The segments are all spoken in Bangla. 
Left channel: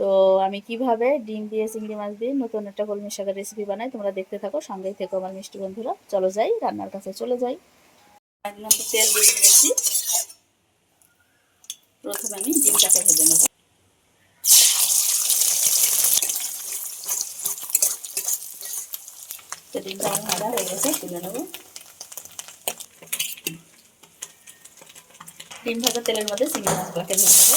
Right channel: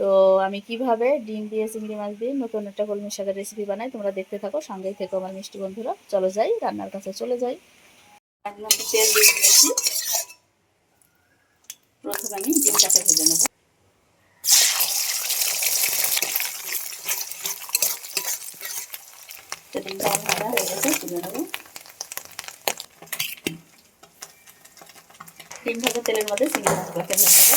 তো আমি কিভাবে ডিম দিয়ে চিংড়ি মাছ দিয়ে নতুন একটা কলমি শাকের রেসিপি বানাই, তোমরা দেখতে থাকো, সঙ্গেই থেকো আমার মিষ্টি বন্ধুরা। চলো যাই, রান্নার কাছে চলে যাই। তেল দিয়ে দিয়েছি। প্রথমে আমি ডিমটাকে ভেজে নেব। তো ডিমটা আমার ভাজা হয়ে গেছে, তুলে নেব। ডিম ভাজা তেলের মধ্যে চিংড়ি মাছগুলোকে ভেজে নেব।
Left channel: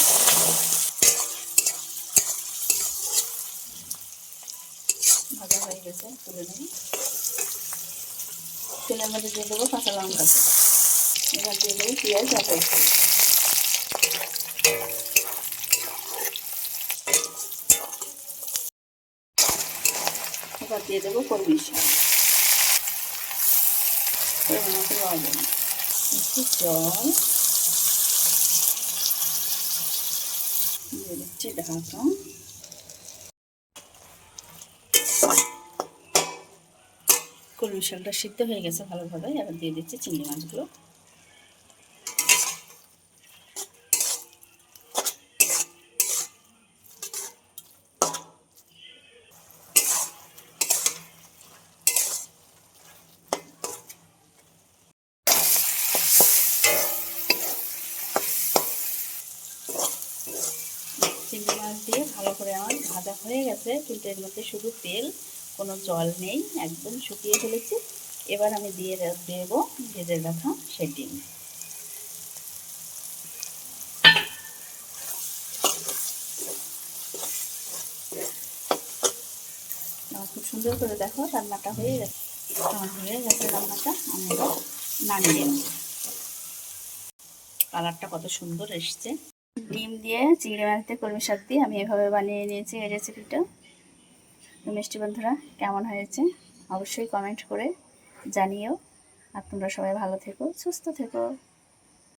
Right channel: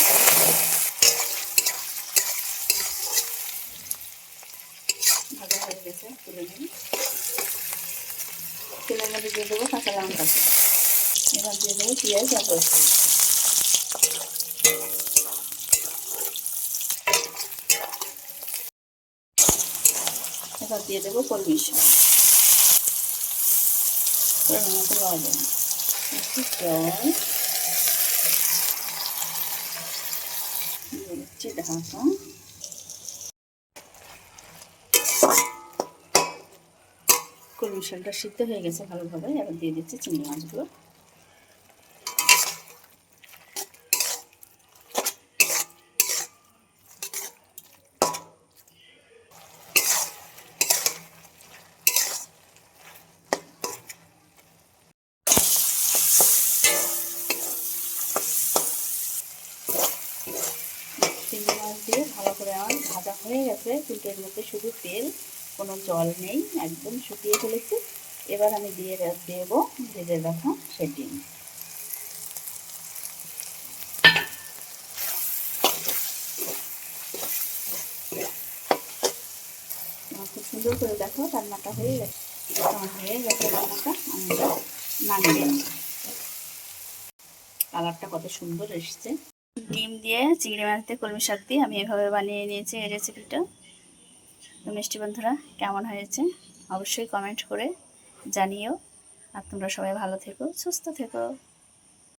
ভাজা হয়ে গেছে, তুলে নেব। তেলের মধ্যে দিয়ে দেবো কাঁচা লঙ্কা, এবার দিয়ে দেবো পেঁয়াজ আর রসুন, এবার দিয়ে দেবো কলমি শাক, মতো লবণ, একটু জল দিয়ে দিচ্ছি ঢাকা। কলমি শাকটা সিদ্ধ হয়ে গেছে ভালোভাবে, এবার দিয়ে দিচ্ছি চিংড়ি মাছগুলো। চিংড়ি মাছ দিয়ে ভালো করে আমার ভাজা হয়ে গেছে, কিন্তু এর মধ্যে শুধু তেল, কোনো জল নেই, একদম শুকিয়ে ফেলেছি। এবার আমি দিয়ে দেব ভেজে রাখা সেই ডিম। খুব সুন্দর করে দেখো রান্নাটা হয়ে গেছে। রান্নাটা আমি নামিয়ে নেব। কালারটা কত সুন্দর এসছে। ডিম দিয়ে চিংড়ি মাছ দিয়ে কলমি শাক দিয়ে আমি এভাবে বানিয়ে নিয়েছি এই রেসিপিটা। তো মিষ্টি বন্ধুরা, কেমন হয়েছে অবশ্যই কমেন্ট করে জানিও। আর তোমরা সবাই ভালো থেকো, সুস্থ থেকো।